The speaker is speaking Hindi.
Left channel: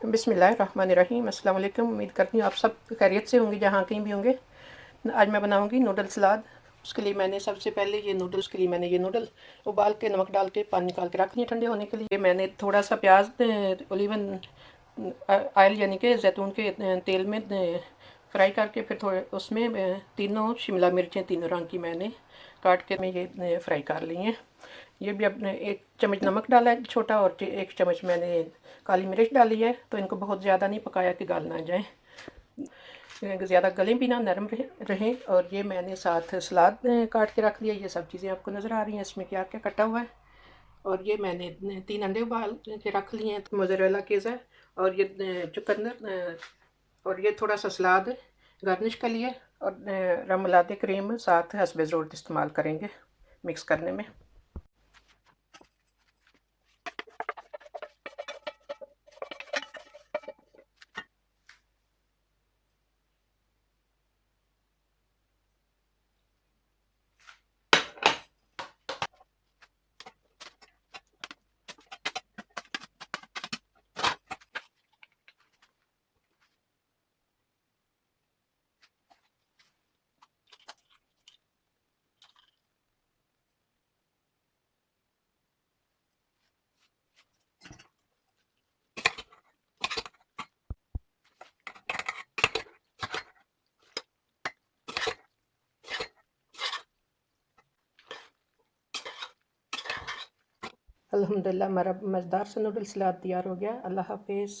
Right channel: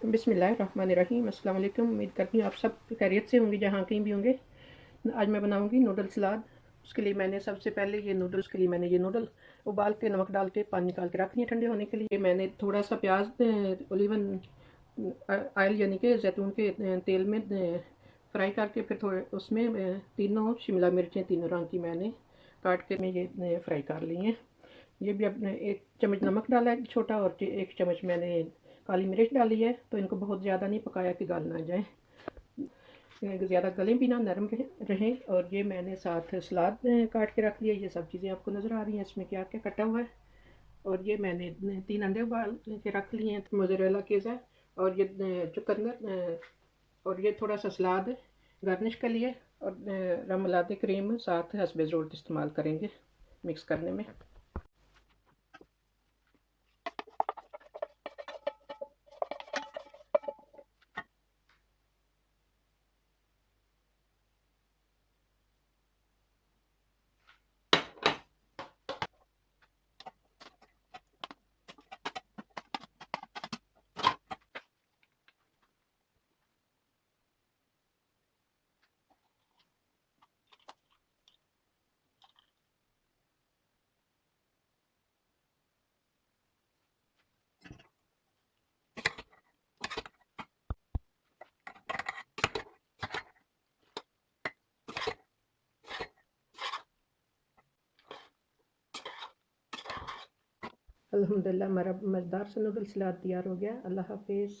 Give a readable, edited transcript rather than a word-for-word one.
बिस्मिल्लाहिर्रहमानिर्रहीम। अस्सलाम वालेकुम। उम्मीद करती हूँ आप सब खैरियत से होंगे जहाँ कहीं भी होंगे। आज मैं बनाऊँगी नूडल सलाद। उसके लिए मैंने सबसे पहले ये नूडल उबाल के नमक डाल के पानी निकाल के रख लिए ठंडे होने के लिए। मैंने थोड़ा सा प्याज ओलिवन ऑयल यानी कि जैतून के तेल में फ्राई करके फिर थोड़े उसमें तीनों शिमला मिर्चें तीनों रंग की मैंने काट के मैं ये फ्राई कर ली हैं। ये भी अपने 1 चम्मच नमक डाला है छोटा, और 1 चम्मच मैंने काली मिर्च डाली है। तो इनको बहुत ज़्यादा नहीं पकाया कि गल ना जाए, ज़्यादा गले भी ना, नरम रहें। और ये मैंने साथ सलाद काट के रख लिया। ये सब चीज़ें आपको नज़र आ रही हैं इसमें क्या क्या कटा हुआ है। और ये मैंने 3 अंडे उबाल के रख लिए हैं, मोज़रेला चीज़ है। और ये चुकंदर और ये थोड़ा सा सलाद गार्निश के लिए। और रमलाते क्रीम साथ हस्बे ज़रूरत इस्तेमाल करेंगे मिक्स करने में। अल्हम्दुलिल्लाह हमारा मज़ेदार सा नूडल सलाद तैयार हो गया। अल्लाह हाफ़िज़।